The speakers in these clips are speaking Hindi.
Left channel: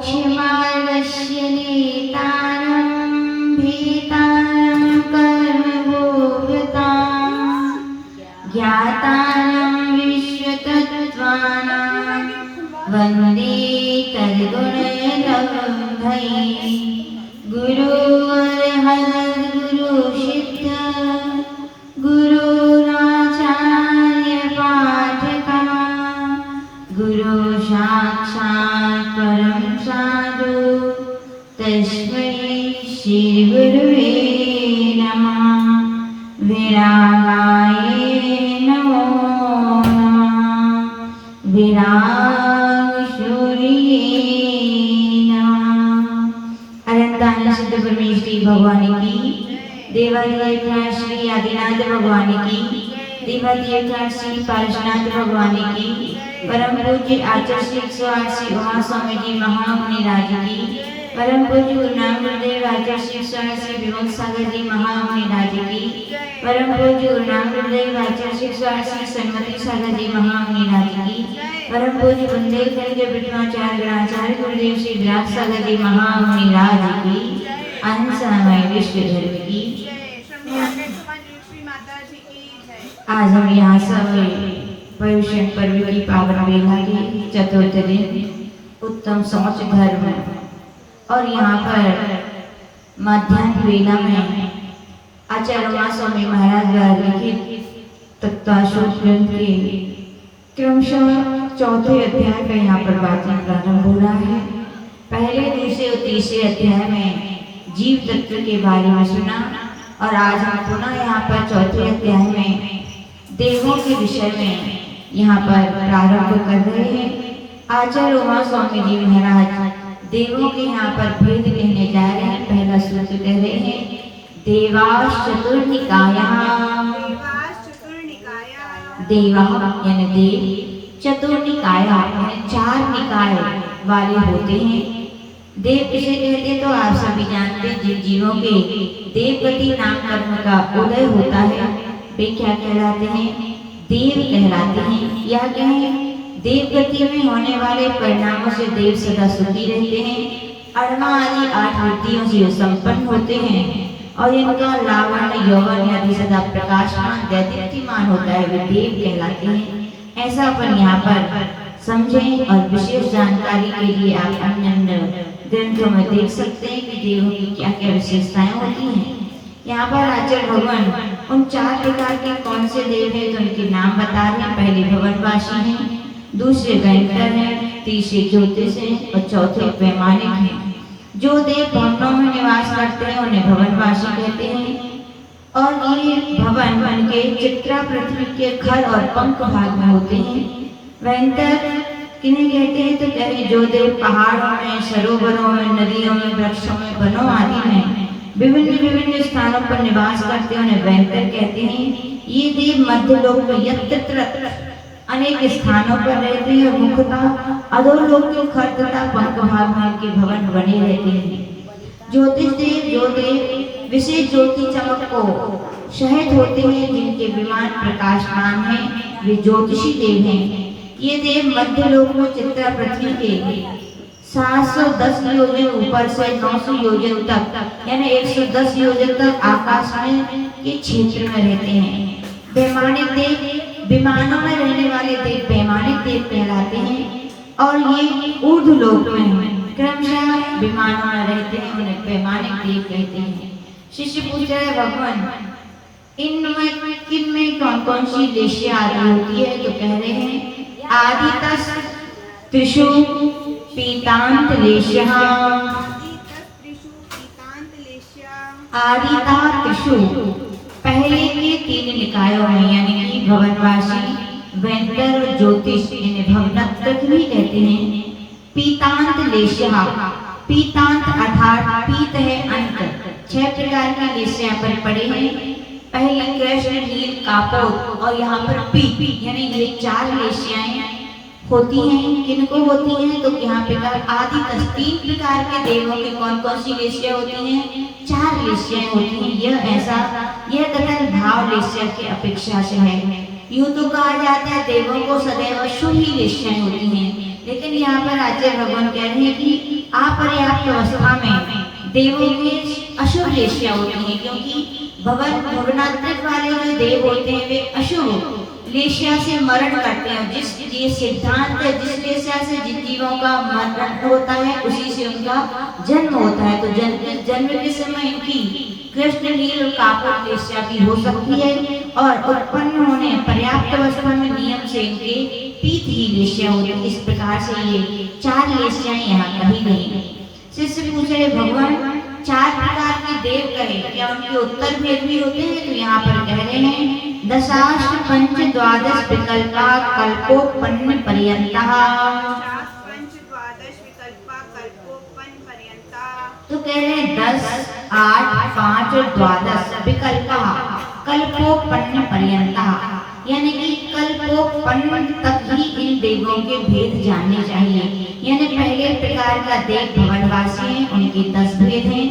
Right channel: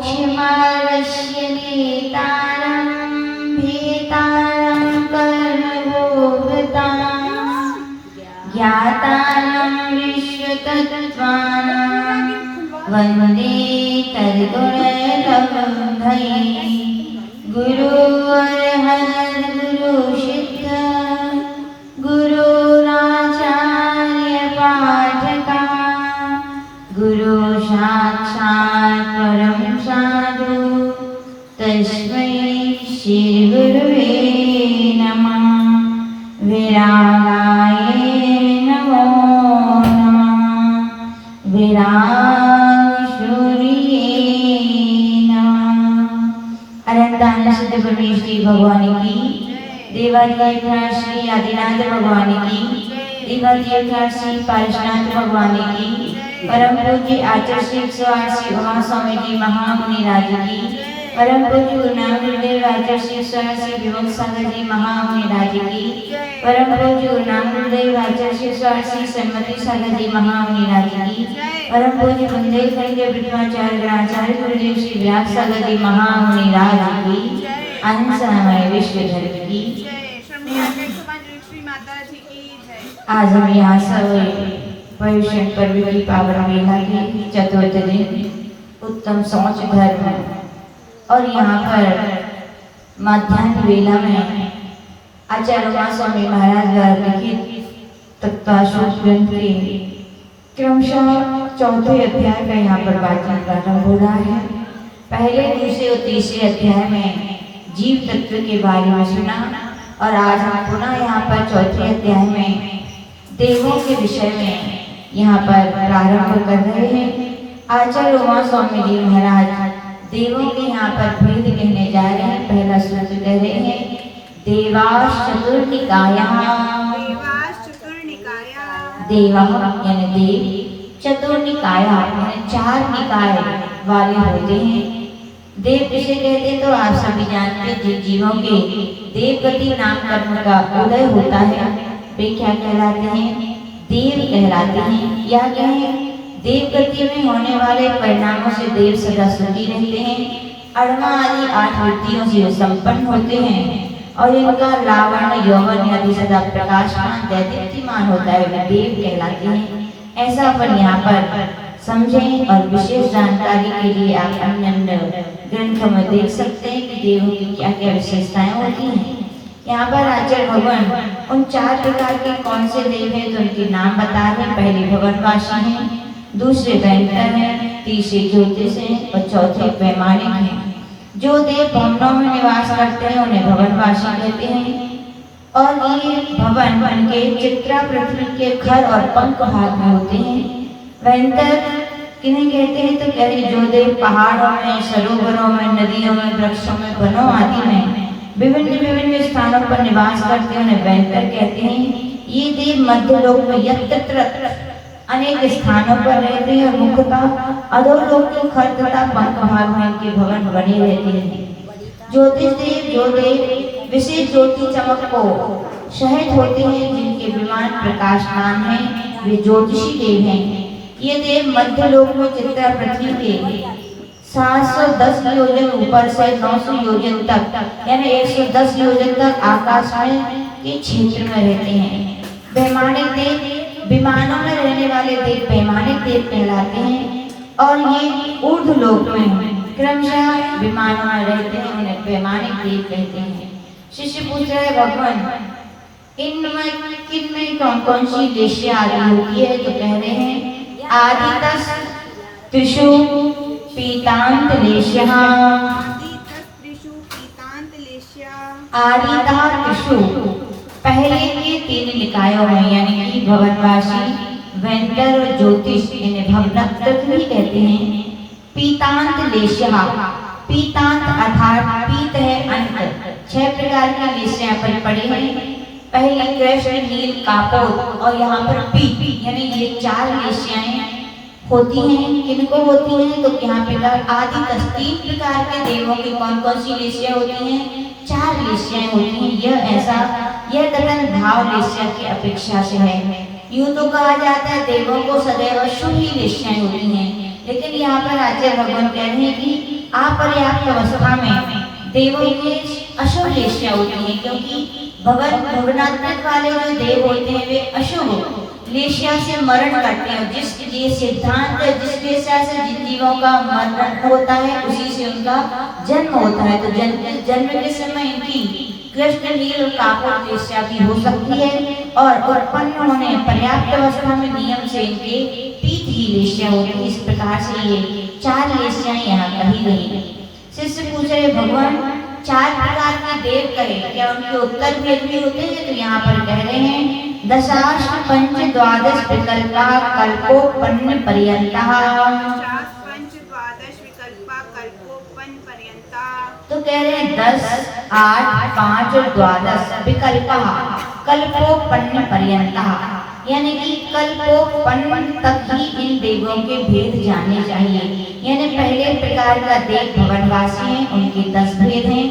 क्षिमारस्य नेतारं भेतारं कर्मभोक्तां ज्ञातारं विश्वतत्त्वानां वन्दे तद्गुणलब्धये गुरुर्हरगुरुसिद्ध गुरुराचार्यपाठका गुरु साक्षात् परं साधु तस्मै श्री गुरुवे नमः। विरागाय नमो नमः। विरागशूलिये नमः। अनंतानंद सिद्ध परमेश्वरी भगवान की, देवादिदेव श्री आदिनाथ भगवान की, देवादिदेव श्री पार्श्वनाथ भगवान की, परम पूज्य आचार्य श्री 108 श्री उमा स्वामी जी महामुनि राज की, परम पूज्य गुरु नानक देव आचार्य श्री 108 श्री विमल सागर जी महामुनि राज की, परम पूज्य गुरु नानक देव आचार्य श्री 108 श्री सन्मति सागर जी महामुनि राज की, परम पूज्य बुंदेल खंड ब्रह्माचार्य ग्रहाचार्य गुरुदेव श्री व्यास सागर जी महामुनि राज की, अंशमय विश्व धर्म की। आज हम यहाँ सब पर्युषण पर्व की पावन मेला की चतुर्थ दिन उत्तम शौच धर्म और यहाँ पर मध्याह्न वेला में आचार्य उमा स्वामी महाराज द्वारा लिखित तत्वाशोक ग्रंथ के क्रमशः चौथे अध्याय का यहाँ पर वाचन करना हो रहा है। पहले दूसरे और तीसरे अध्याय में जीव तत्व के बारे में सुना और आज हम पुनः यहाँ पर चौथे अध्याय में देवों के विषय में यहाँ पर प्रारंभ कर रहे हैं। आचार्य उमा स्वामी जी महाराज देवों के यहाँ पर भेद कहने जा रहे हैं। पहला सूत्र कह रहे हैं देवास चतुर्निकाया। देवा यानी देव, चतुर्निकाया यानी 4 निकाय वाले होते हैं। देव किसे कहते हैं तो आप सभी जानते हैं, जिन जीवों के देवगति नाम कर्म का उदय होता है वे क्या कहलाते हैं? देव कहलाते हैं। या कहें देवगति में होने वाले परिणामों से देव सदा सुखी रहते हैं। अणवा आदि 8 वृत्तियों से संपन्न होते हैं और इनका लावण्य यौवन आदि सदा प्रकाशमान दैदीप्यमान होता है, वे देव कहलाते हैं। ऐसा अपन यहाँ पर समझें और विशेष जानकारी के लिए आप अन्य ग्रंथों में देख सकते हैं कि देवों की क्या क्या विशेषताएं होती हैं। यहाँ पर आचार्य भगवान उन 4 प्रकार के कौन से देव हैं तो उनके नाम बता रहे हैं। पहले भवनवासी हैं, दूसरे भयंकर हैं, तीसरे ज्योतिष हैं और चौथे वैमानिक हैं। जो देव भवनों में निवास करते हैं उन्हें भवनवासी कहते हैं और ये भवन बन के चित्रा पृथ्वी के घर और पंख भाग में होते हैं। भयंकर किन्हें कहते हैं तो कहते जो देव पहाड़ों में, सरोवरों में, नदियों में, वृक्षों में, वनों आदि में विभिन्न स्थानों पर निवास करते हैं उन्हें भयंकर कहते हैं। ये देव मध्य लोक में यत्र अनेक स्थानों पर रहते हैं और मुख्यतः अधोलोक के खर तथा पंख भाग में इनके भवन बने रहते हैं। ज्योतिष देव जो देव विशेष ज्योति चमक को शहीद होते हैं, जिनके विमान प्रकाशमान हैं, वे ज्योतिषी देव हैं। ये देव मध्य लोक में चित्रा पृथ्वी के 710 योजन ऊपर से 900 योजन तक यानी 110 योजन तक आकाश में के क्षेत्र में रहते हैं। वैमानिक देव विमानों में रहने वाले देव वैमानिक देव कहलाते हैं और ये ऊर्ध्व लोक में क्रमशः विमानों में रहते हैं, उन्हें वैमानिक देव कहते हैं। शिष्य पूछ रहे भगवान इनमें कौन सी लेशिया आदि होती है तो कह रहे हैं आदितस त्रिषु पीतांत लेश्यः। आदिता त्रिषु पहले के 3 निकायों में यानी कि भवनवासी, वैंतर और ज्योतिष इन्हें भवनत्रग्नि कहते हैं। पीतांत लेश्यः, पीतांत अर्थात पीत है अंत। 6 प्रकार की लेश्या पर पड़े हैं। पहले कृष्ण, नील, कापोर और यहाँ पर पीत यानी ये 4 लेश्याएं होती हैं। किनको होती हैं तो यहाँ पे आदि 3 प्रकार के देवों की कौन सी लेशिया होती हैं? 4 लेशियाएं होती हैं। यह कथन भाव लेशिया की अपेक्षा से है। यूं तो कहा जाता है देवों को सदैव शुभ ही लेशियाएं होती हैं, लेकिन यहाँ पर आचार्य भगवान कह रहे हैं कि अपर्याप्त अवस्था में देवों के अशुभ लेशिया होती है, क्योंकि भवनात्मक वाले जो देव होते हैं वे अशुभ लेशिया से मरण करते हैं। जिस ये सिद्धांत है, जिस लेशिया से जिन जीवों का मरण होता है उसी से उनका जन्म होता है। तो जन्म के समय इनकी कृष्ण नील और कापुर लेशिया भी हो सकती है, और उत्पन्न होने पर्याप्त अवस्था में नियम से इनके पीत ही लेशिया होती है। इस प्रकार से ये 4 लेशियाएं यहाँ कही गई। शिष्य पूछ रहे भगवान 4 प्रकार के देव कहे, क्या उनके उत्तर भेद भी होते हैं? तो यहाँ पर कह रहे हैं दशाष्ट पंच द्वादश विकल्पा कल्पोपन्न पर्यंता। तो कह रहे हैं 10, 8, 5 और 12 विकल्पा कल्पोपन्न पर्यंता, यानी कि कल्पोपन्न तक ही इन देवों के भेद जानने चाहिए। यानी पहले प्रकार का देव भवनवासी हैं, उनके 10 भेद हैं,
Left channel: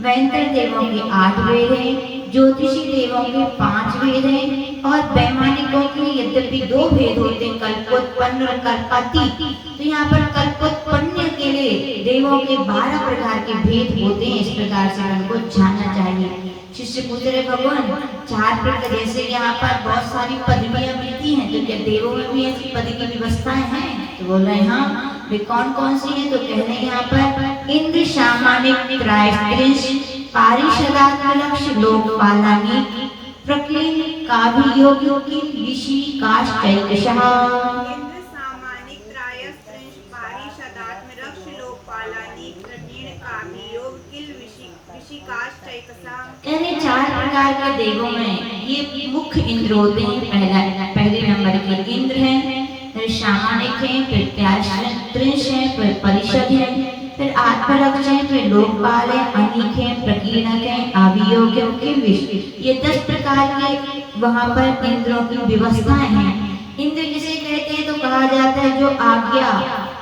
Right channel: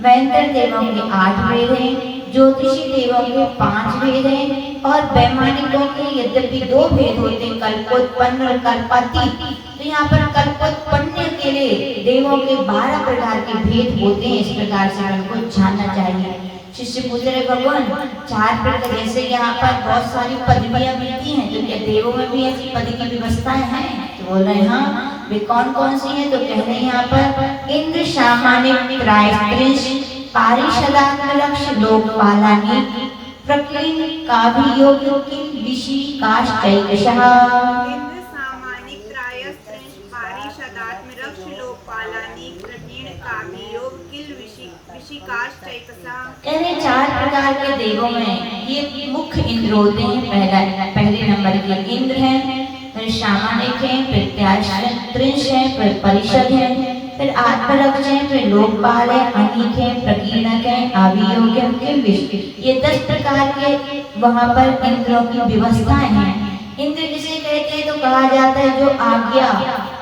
वैंतर देवों के 8 भेद हैं, ज्योतिषी देवों के 5 भेद हैं, और वैमानिकों के यद्यपि 2 भेद होते हैं, कल्पोत्पन्न और कल्पातीत। तो यहाँ पर कल्पोत्पन्न के लिए देवों के 12 प्रकार के भेद होते हैं। इस प्रकार से हमको जानना चाहिए। शिष्य पूछ रहे भगवान 4 प्रकार, जैसे यहाँ पर बहुत सारी पदवियां मिलती हैं, तो क्या देवों में भी ऐसी पद की व्यवस्थाएं हैं? तो बोल रहे हाँ, वे कौन कौन सी हैं? तो कह रहे हैं यहाँ पर इंद्र सामान्य त्रायस्त्रिंश पारिषदात्मलक्ष लोकपालानि प्रकीर्ण काभियोग की विशी काश्चैकशः। इंद्र सामानिक त्रायस्त्रिंश पारिषदात्मलक्ष लोकपालानि प्रकीर्ण काभियोग किल विशी काश्चैकशः। कह रहे 4 प्रकार के देवों में ये मुख्य इंद्र होते हैं। पहले नंबर के इंद्र हैं, फिर सामानिक हैं, फिर त्रायस्त्रिंश हैं, फिर परिषद हैं, फिर आत्मरक्ष हैं, फिर लोकपाल हैं, अनीक हैं, प्रकीर्णक हैं, अभियोग्य के विषय। ये 10 प्रकार के वहाँ पर इंद्रों की व्यवस्थाएं हैं। इंद्र किसे कहते हैं? तो कहा जाता है जो आज्ञा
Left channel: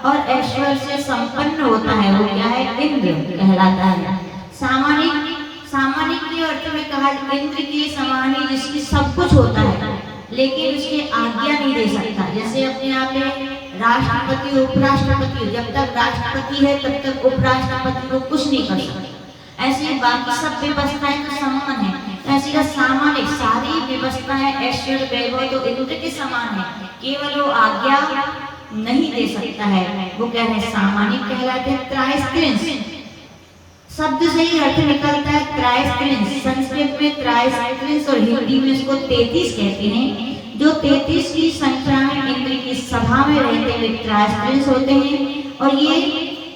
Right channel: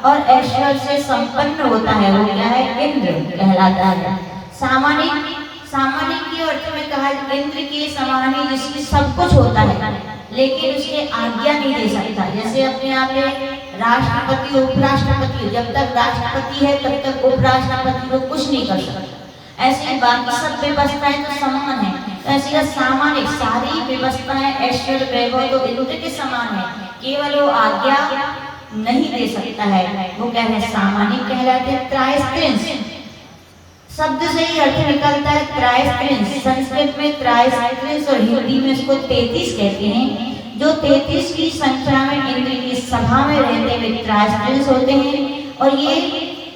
और ऐश्वर्य से संपन्न होता है वो क्या है? इंद्र कहलाता है। सामानिक के अर्थ में कहा इंद्र के समान ही जिसकी सब कुछ होता है लेकिन उसके आज्ञा नहीं दे सकता। जैसे अपने आप में राष्ट्रपति उपराष्ट्रपति, जब तक राष्ट्रपति है तब तक उपराष्ट्रपति को कुछ नहीं कर सकता। ऐसे ही बाकी सब व्यवस्थाएं तो समान है। तो ऐसी सामान्य सारी व्यवस्थाएं ऐश्वर्य वैभव तो इंद्र के समान है, केवल वो आज्ञा नहीं दे सकता है। वो क्या है? सामान्य कहलाते हैं। त्रायस्त्रिंश शब्द से ही अर्थ निकलता है त्रायस्त्रिंश। संस्कृत में त्रायस्त्रिंश और हिंदी में इसको 33 कहते हैं। जो 33 की संख्या में इंद्र की सभा में रहते हुए त्रायस्त्रिंश होते हैं। और ये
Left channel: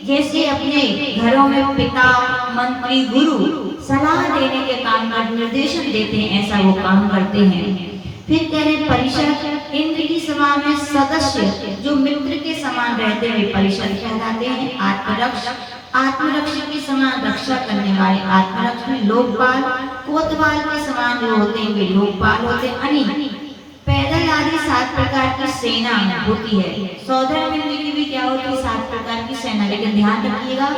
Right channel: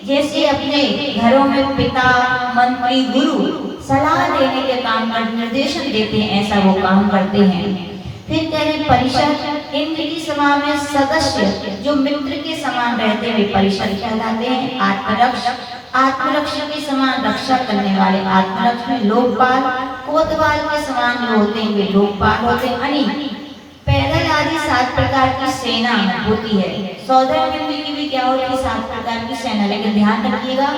जैसे अपने घरों में पिता, मंत्री, गुरु सलाह देने के काम कर निर्देशन देते हैं, ऐसा वो काम करते हैं। फिर कह रहे परिषद, इंद्र की सभा में सदस्य जो मित्र के समान रहते हुए परिषद कहलाते हैं। आत्मरक्ष के समान रक्षा करने वाले आत्मरक्ष में लोकपाल, कोतवाल के समान जो होते हैं वे लोकपाल होते हैं। अनी पैदल आदि 7 प्रकार की सेना होती है। सौदर मित्र की भी क्या होती है? 7 प्रकार की सेना। लेकिन ध्यान रखिएगा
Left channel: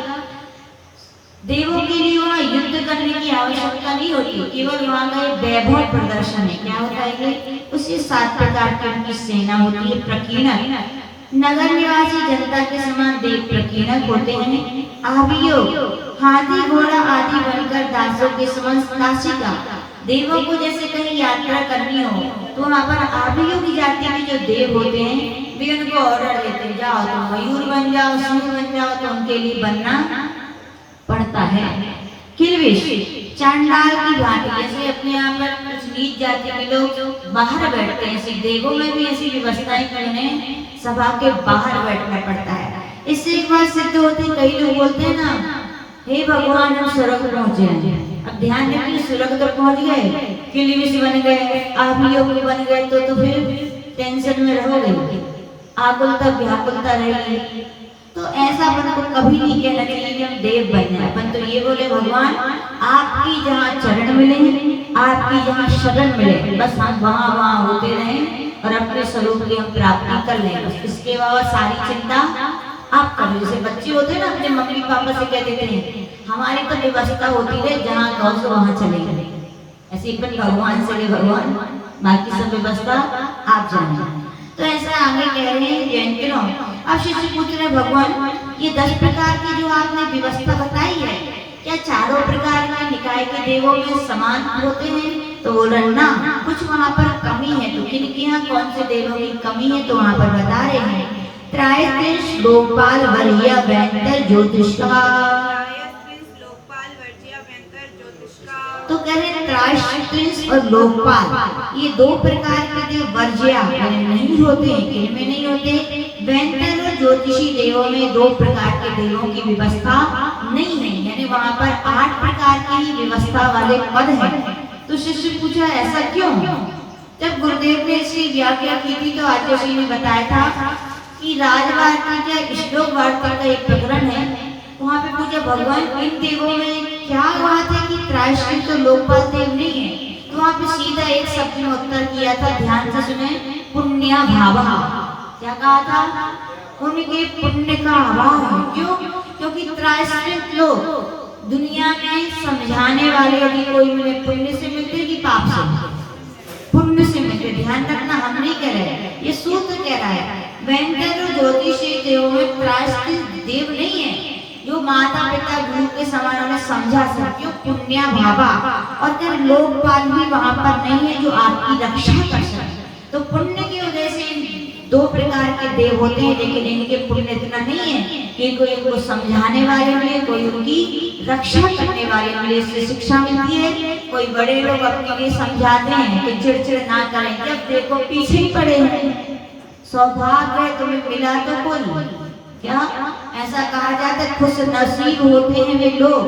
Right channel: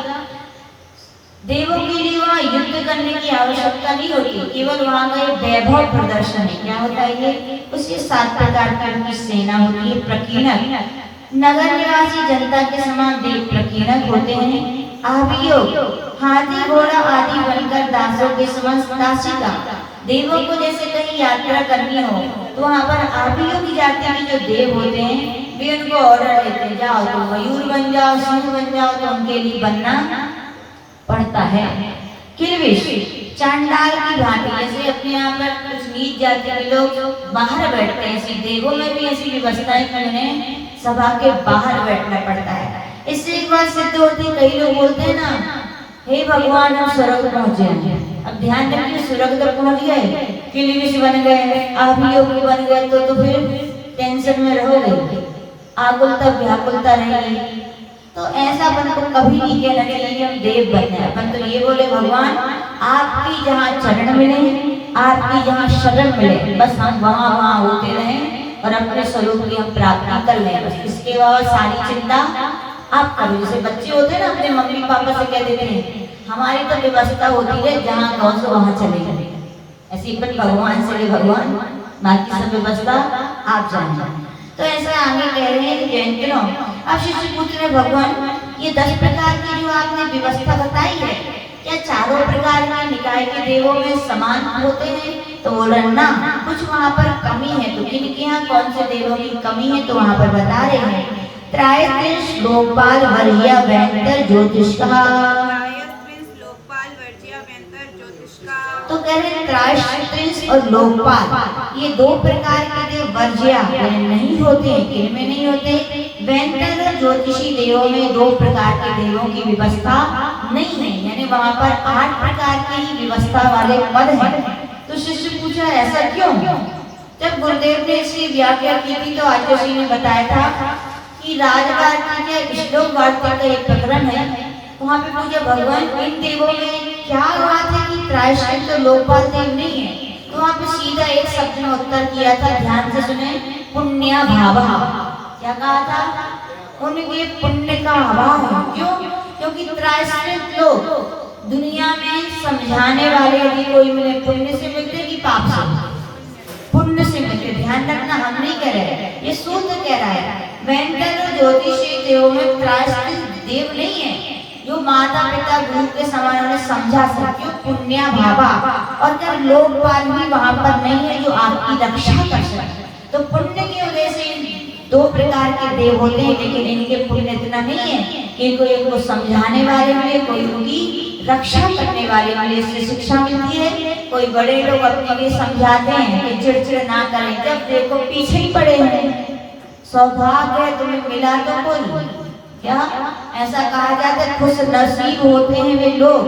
देवों के लिए वहाँ युद्ध करने की आवश्यकता नहीं होती, केवल वहाँ का वैभव प्रदर्शन है। क्या होता है ये? उसी 7 प्रकार की उनकी सेना होती है। प्रकीर्णक नगर निवासी जनता के समान देव प्रकीर्णक होते हैं। अभियोग हाथी घोड़ा आदि बनकर दासों के समान दासिका। देवों को जैसे कहीं यात्रा करनी हो तो वहाँ पर अभियोग जाति में जो देव होते हैं वे उनको ऑर्डर देते हैं, जाओ तो मयूर बन जाओ, सिंह बन जाओ, तो उनके लिए बनना पड़ता है। किलविश चांडाल की भांति, जैसे अपने यहाँ पर कुछ नीच जाति के लोग बाहर बैठते हैं, ऐसी देवों में भी ऐसी व्यवस्थाएं करने सभा के बाहर बैठना पड़ता है। इससे एक बात सिद्ध होती है, कई लोग बोलते हैं ना, हे भगवान हम स्वर्ग पहुंचे। अब ध्यान रखिए स्वर्ग तो पहुंच गए, किलविश बन गए, अभियोगी बन गए तो फिर टेंशन में रहोगे, आकुलता व्याकुलता रहेगी। तो ऐसा अपन को कभी नहीं कहना चाहिए हम देव बन जाए। अपन तो ये बोले भगवान आपकी जहाँ चरण मिले, आपकी जहाँ शरण मिले, बस हम वहाँ होते रहें और अपने स्वरूप की हम प्राप्ति कर लें। बस इसके बाद सारी चिंता आप करो। जैसे बच्चे होते हैं ना, अपने मम्मी पापा से कह देते हैं हमारी तो व्यवस्था होती है जहाँ कहो तो वहाँ चले गए। ऐसे ही भगवान से भगवान बाकी सब व्यवस्था आप जाने। तो ऐसे आगे कह रहे हैं जैन। अब शिष्य पूछ रहे भगवान ये 10 प्रकार की जो आपने व्यवस्था बताई है। क्या चारों प्रकार के निकाय के देवों में समान होते हैं? तो बोला ना, कुछ वहाँ पर कमी है। तो किनके यहाँ कौन से देवों की कमी है? तो वहाँ पर बता रहे हैं, त्रायस्त्रिंश लोकपाल वर्ज्य व्यंतर ज्योतिष्का। तो कह रहे त्रायस्त्रिंश और लोकपाल ये दो प्रकार के देव वर्ज्य नहीं होते। किन में नहीं होते? व्यंतर और ज्योतिषी देवों में दो प्रकार के देवों की व्यवस्था नहीं है, यानी वहाँ पर 8 प्रकार की व्यवस्था वाले पद है। तो शिष्य पूछा ऐसा क्यों? जब गुरुदेव ने इसकी व्याख्या की थी तो आचार्य जी ने बताया था कि राजवार्ता के श्लोक वार्ता का एक प्रकरण है, वहाँ पे पूछा भगवान इन देवों में क्या बात है कि त्रायस्त्रिंश तो लोकपाल देव नहीं है? तो वहाँ पे सीधा एक शब्द में उत्तर किया था, ध्यान से सुने, पुण्य भावा। क्या कहा था? उनके पुण्य का अभाव है। क्यों? क्योंकि त्रायस्त्रिंश लोग दुनिया में समझाने वाले यदि कोई मिले, पुण्य से मिलते कि पाप से? पुण्य से मिलते। ध्यान रखना, हम नहीं कह रहे, ये सूत्र कह रहा है। व्यंतर और ज्योतिषी देवों में त्रायस्त्रिंश देव नहीं है जो माता पिता गुरु के समान उन्हें समझा सके, पुण्य भावा। और क्या लोकपाल भी वहाँ पर नहीं है जो आपकी रक्षा कर सके। तो पुण्य की वजह से 2 प्रकार के देव होते हैं, लेकिन इनके पुण्य इतना नहीं है कि कोई उनको समझाने वाले मिले, कोई उनकी रक्षा करने वाले मिले। इससे शिक्षा मिलती है। कोई बड़े लोग अपने लिए समझाते हैं कि चिड़चिड़ ना करें, जब देखो पीछे ही पड़े हैं। सौभाग्य है तुम्हें मिला तो कोई, क्या ऐसा कहा जाता है, खुश नसीब होते हैं वे लोग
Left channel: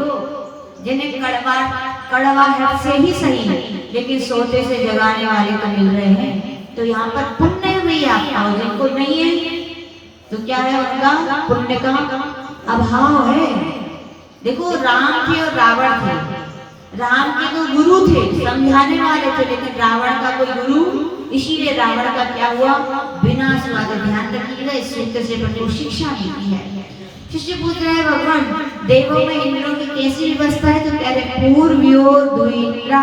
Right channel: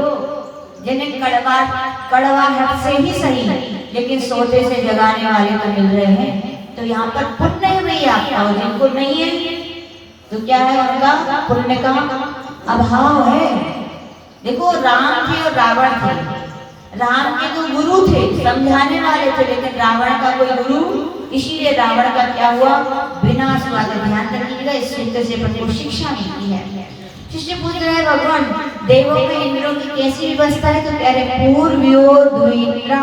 जिन्हें कड़वाहट से ही सही लेकिन सोते से जगाने वाले तो मिल रहे हैं। तो यहाँ पर पुण्य हुई आपका, और जिनको नहीं है तो क्या है? उनका पुण्य का अभाव है। देखो राम थे और रावण थे। राम के तो गुरु थे, समझाने वाले थे, लेकिन रावण का कोई गुरु, इसीलिए रावण का क्या हुआ? विनाश हुआ। ध्यान रखिएगा, इस सूत्र से प्रति शिक्षा मिलती है। शिष्य पूछ रहा है भगवान देवों में इंद्रों की कैसी व्यवस्था है? तो कह रहे पूर्व्यो द्विन्द्रा,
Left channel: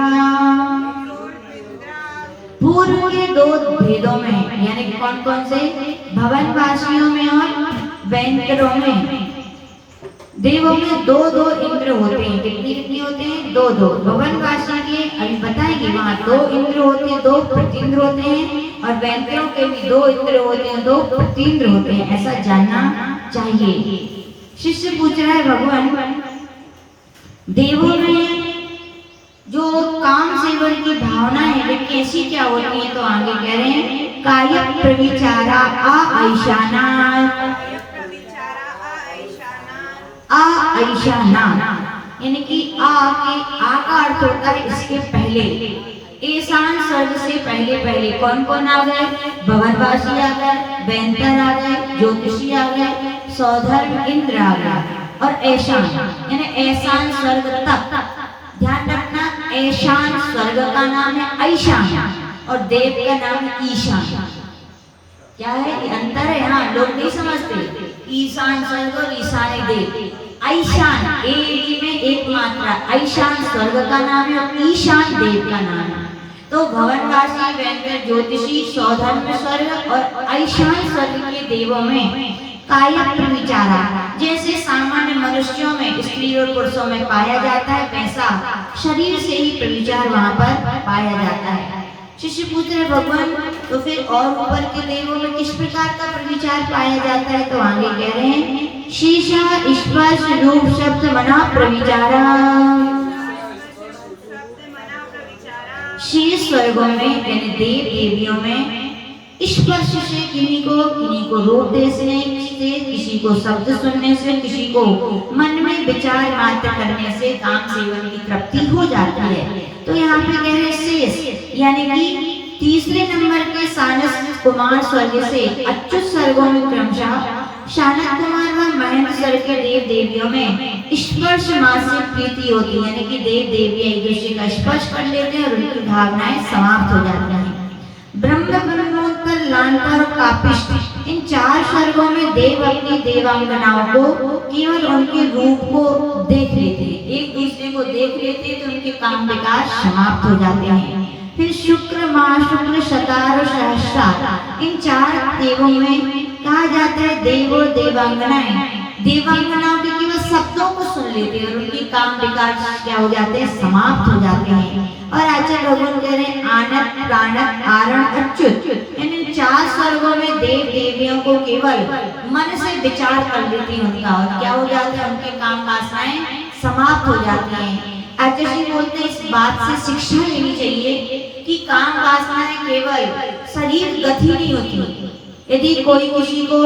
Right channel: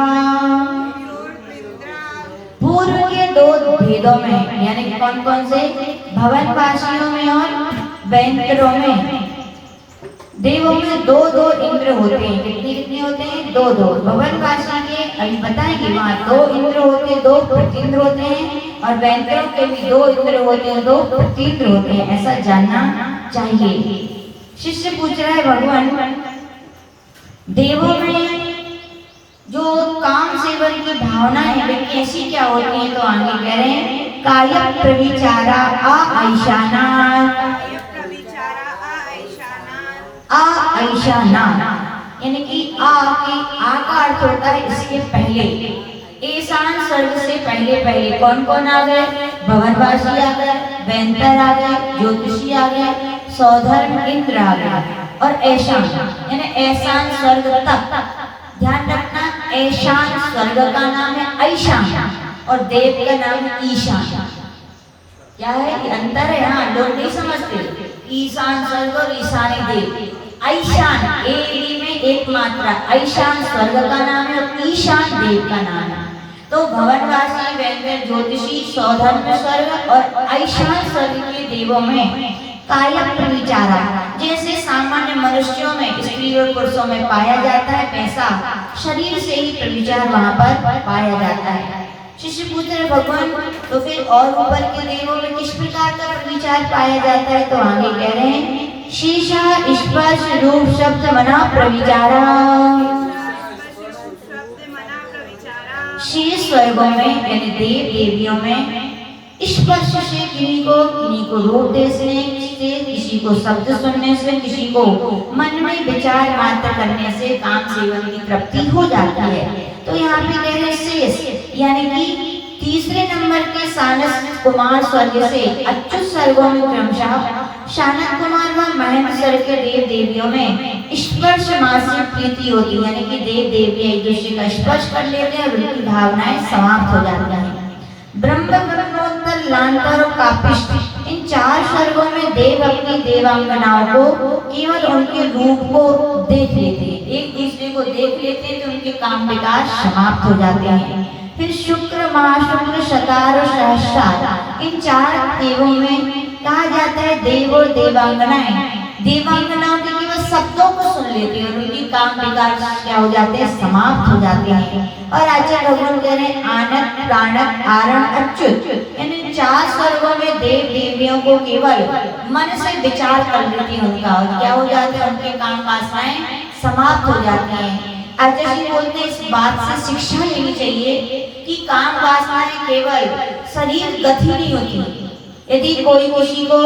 पूर्व के 2 भेदों में, यानी कौन कौन से? भवनवासियों में और व्यंतरों में। देवों में 2-2 इंद्र होते हैं। कितने होते हैं? 2-2। भवनवासी के अभी बताएंगे, वहाँ 2 इंद्र होते हैं, 2 प्रतिइंद्र होते हैं, और व्यंतरों के भी 2 इंद्र होते हैं, 2 प्रतिइंद्र होते हैं। ऐसा जानना चाहिए। शिष्य पूछ रहा है भगवान देवों में जो काम सेवन की भावना है वे कैसी क्या होती है? तो आगे कह रहे हैं काय प्रविचारा आईशाना, आईशाना, यानी कि आ का अर्थ होता है इसके पहले। ईशान स्वर्ग से पहले कौन कौन आ गए? भवनवासी आ गए, व्यंतर आ गए, ज्योतिषी आ गए, सौधर्म इंद्र आ गया, और ऐशान यानी ऐशान स्वर्ग तक। ध्यान रखना, ऐशान स्वर्ग का नाम है ऐशान और देव का नाम है ईशान। क्या है? ये अंतर है। हाँ, लोग नहीं समझते। ईशान स्वर्ग और ईशानी देव। ऐशान ए में एक मात्रा, ऐशान स्वर्ग का नाम है और ईशान देव का नाम है। तो भवनवासी, व्यंतर, ज्योतिषी, सौधर्म स्वर्ग और ऐशान स्वर्ग के देवों में काय प्रविचारा, जैसे सामान्य मनुष्यों में स्त्री और पुरुषों में पाया जाता है, वैसा शरीर से ही प्रविचार वहाँ पर पाया जाता है। शिष्य पूछ रहे भगवान तो फिर और ऊपर के देवों में किस प्रकार का प्रविचार पाया जाता है? तो आगे कह रहे हैं शीशा स्पर्श रूप शब्द मना प्रविचारा। शीर्ष स्वर्गों में यानी देव देवियों में स्पर्श से किन्हीं को रूप देखने से, किसी को शब्द सुनने से, किसी को मन में विचार मात्र करने से काम सेवन की तृप्ति हो जाती है। तो यहाँ पे कह रहे शेष यानी कि तीसरे नंबर के सानस कुमार स्वर्ग से अच्युत स्वर्गों में क्रमशः शानत कुमार व महेंद्र स्वर्ग के देव देवियों में स्पर्श मासिक प्रीति होती है, यानी कि देव देवी एक दूसरे का स्पर्श कर लेते हैं और उनकी भावनाएं समाप्त हो जाती हैं। ब्रह्म ब्रह्मोत्तर लांतर और कापिष्ट, इन 4 स्वर्गों में देव अपनी देवांगनाओं को केवल उनके रूप को देख लेते हैं, एक दूसरे को देख लेते हैं तो उनके काम विकार समाप्त हो जाते हैं। फिर शुक्र, महाशुक्र, शतार और सहस्रार, इन 4 देवों में कहा जाता है देव और देवांगनाएं। देवांगनाओं के केवल शब्दों प्रकाश क्या हो जाते हैं, समाप्त हो जाते हैं। और आचार्य भगवान कह रहे हैं आनंद प्राणत आरण अच्युत, यानी 4 स्वर्गों में देव देवियों को केवल मन से विचार कर लेते हैं उनका, और क्या हो जाते हैं, उनके काम वासनाएं समाप्त हो जाती हैं। आचार्य जी बोलते हैं इस बात से शिक्षा लेनी चाहिए कि काम वासनाएं केवल शरीर गति नहीं होती। यदि कोई किसी को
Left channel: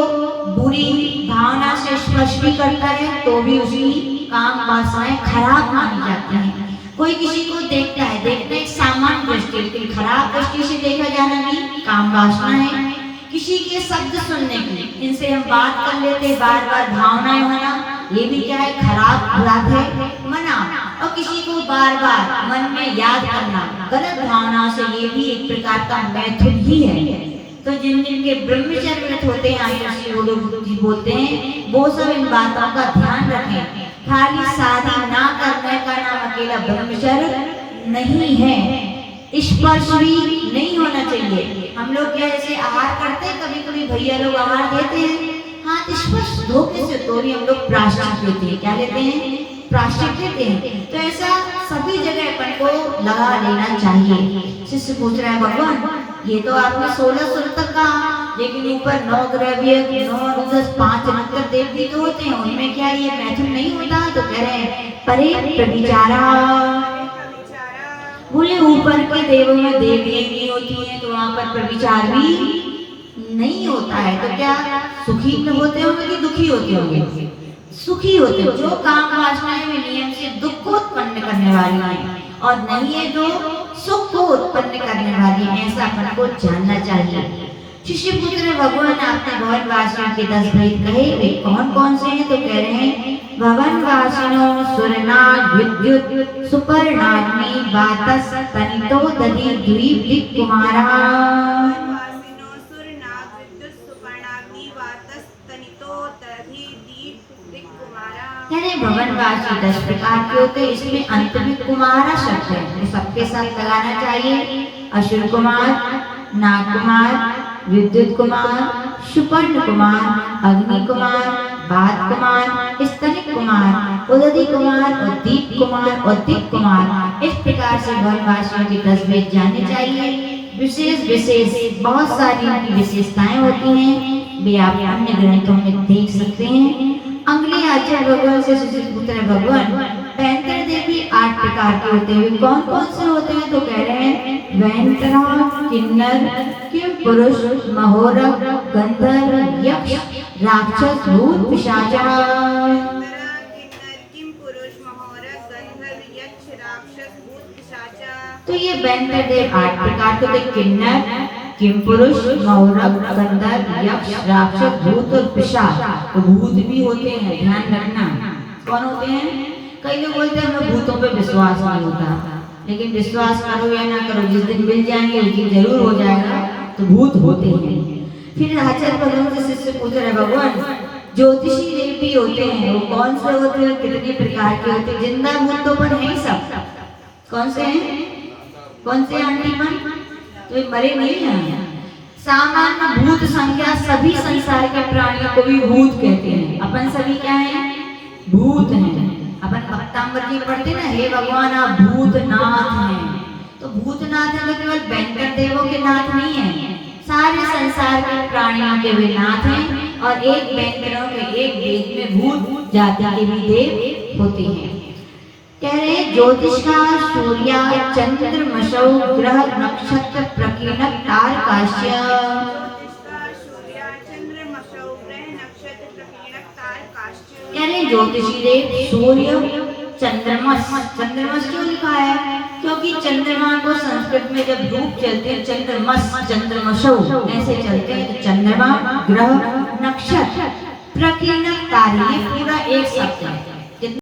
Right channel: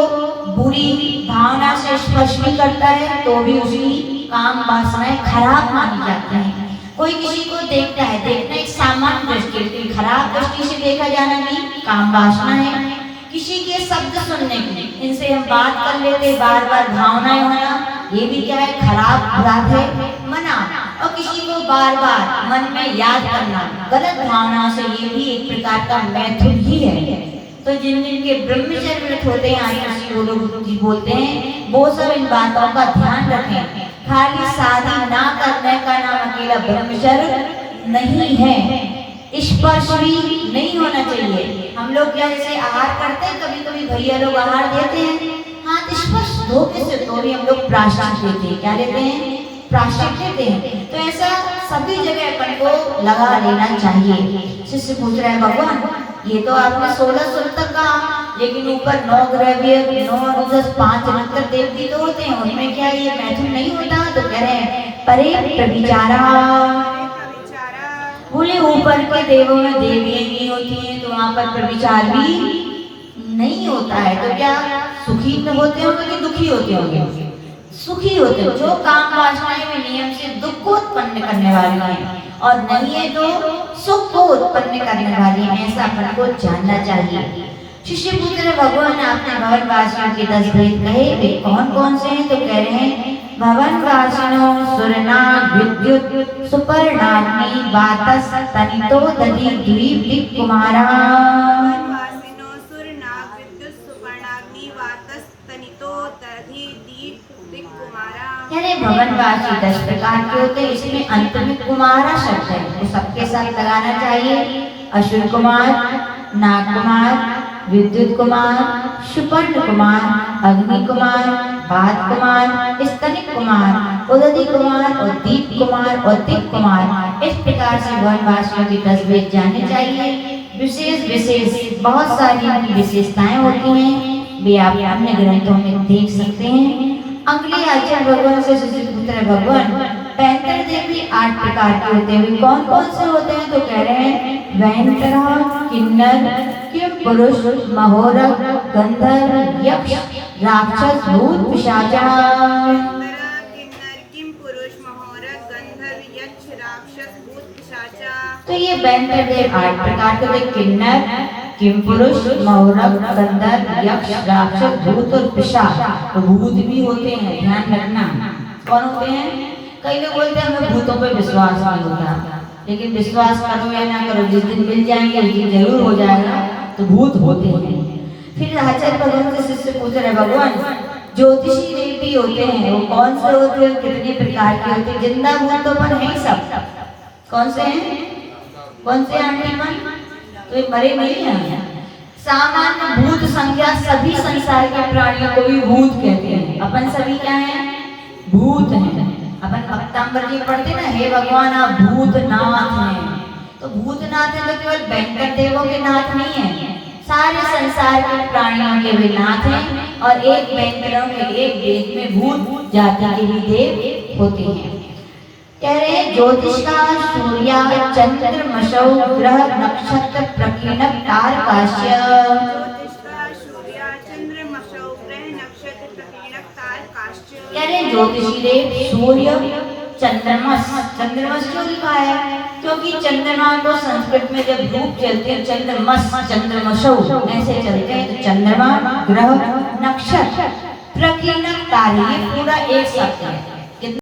बुरी भावना से स्पर्श भी करता है तो भी उसकी काम वासनाएं खराब मानी जाती हैं। कोई किसी को देखता है, देखना एक सामान्य दृष्टि, लेकिन खराब दृष्टि से देखा जाना भी काम वासना है। किसी के शब्द सुनने की, इनसे हम बात कर लेते बार बार भावनाएं होना, ये भी क्या है, खराब अपराध है, मना। और किसी को बार बार मन में याद करना गलत भावना से, ये भी एक प्रकार का मैथुन ही है। तो जिन के ब्रह्मचर्य व्रत होते हैं, आचार्य वो लोग बोलते हैं वो सब इन बातों का ध्यान रखें। खाली शादी ना करने का नाम अकेला ब्रह्मचर्य नहीं है, स्पर्श भी नहीं होना चाहिए। हम लोग क्या जैसे आहार करते हैं, कभी कभी भैया लोग आहार देते हैं, हाथ स्पर्श धोखे से तो भी हम लोग प्राश्चित लेते हैं। क्या लेते हैं, प्राश्चित लेते हैं। तो ऐसा सभी जगह अपन को लगा लेना चाहिए। शिष्य पूछ रहा है भगवान ये तो आपने 16 सूत्र तक कहा, लेकिन ऊपर 9 ग्रव्य 9 10 5 अंतर देवती तो होते हैं, उनमें क्या ये मैथुन नहीं होता? तो कह रहे हैं परे प्रविचारा, बोले ऊपर के देवों में देवियां नहीं होती हैं तो वहाँ पर प्रविचार भी नहीं होता है। तो क्या सुखी में होते होंगे कि दुखी होते होंगे? सुखी होते, जो काम वासनाएं में नियम से दुख को उत्पन्न करने वाली है, और नहीं है तो सुख को उत्पन्न करने वाली है। ऐसा अपन को जानना चाहिए। शिष्य पुत्र भगवान आपने भवन वासियों के 10 भेद कहे, वे कौन कौन से हैं? तो कह रहे हैं भवन वासिनो सुरनाग विद्युत सुपर्णाग्नि वातस तनितो दधि द्वीप दिक् कुमारा। भवनवासी 10 प्रकार के होते हैं, इसमें अंत में कुमारा शब्द है तो सबके साथ लगाना चाहिए। असुर कुमार, नाग कुमार, विद्युत कुमार, सुपर्ण कुमार, अग्नि कुमार, बात कुमार, स्तनिक कुमार, उदधि कुमार और दीप कुमार और दिक् कुमार। इस प्रकार से भवनवासियों के 10 भेद जानने चाहिए। विशेष विशेष बहुत सारी उनकी विशेषताएं होती हैं, वे आप अन्य ग्रंथों में देख सकते हैं। अगले आचार्य भगवान से शिष्य पुत्र भगवान 35 देवी 8 प्रकार के होते हैं। कौन कौन से होते हैं? तो कह रहे हैं वैंतरा, किन्नर, किंपुरुष, महोरग, गंधर्व, यक्ष, राक्षस, भूत, पिशाच। तो ये 35 देव 8 प्रकार के होते हैं। किन्नर, किंपुरुष, महोरग, गंधर्व, यक्ष, राक्षस, भूत और पिशाच। भूत भी होते हैं, ध्यान रखना। कौन होते हैं? कई लोग बोलते हैं हमें भूतों पे विश्वास नहीं होता, लेकिन विश्वास करो या ना करो, जिस दिन मिल जाएंगे उस दिन जरूर हो जाएगा। तो भूत होते हैं। फिर आचार्य भगवान से शिष्य पूछ रहे भगवान ज्योतिषी देवती होते हैं, वो कौन से होते हैं, कितने प्रकार के होते हैं? जिंदा भूत तो पर है सब। कौन से हैं? कौन से आंटी मन? तो मरे नहीं हैं। सामान्य भूत संख्या सभी संसार के प्राणियों को भी भूत कहते हैं। अपन सभी क्या हैं? भूत हैं। अपन भक्तांबर जी पढ़ते ना, हे भगवान आप भूतनाथ हैं। तो भूतनाथ है तो केवल भयंकर देवों के नाथ नहीं है, सारे संसार के प्राणियों के भी नाथ हैं। और एक भयंकरों के एक वेद में भूत जाति के भी देव होते हैं। कह रहे ज्योतिष का सूर्य चंद्र मशौ ग्रह नक्षत्र प्रकीर्णक तारकाश्य। कह रहे ज्योतिषी देव सूर्य चंद्रमस, चंद्रमस क्यों लिखा है? क्योंकि चंद्रमा को संस्कृत में जब धूप चलते हैं चंद्रमस चंद्रमशौ ऐसे चलते हैं। तो चंद्रमा, ग्रह, नक्षत्र, प्रकीर्णक तारे, ये पूरा एक शब्द है।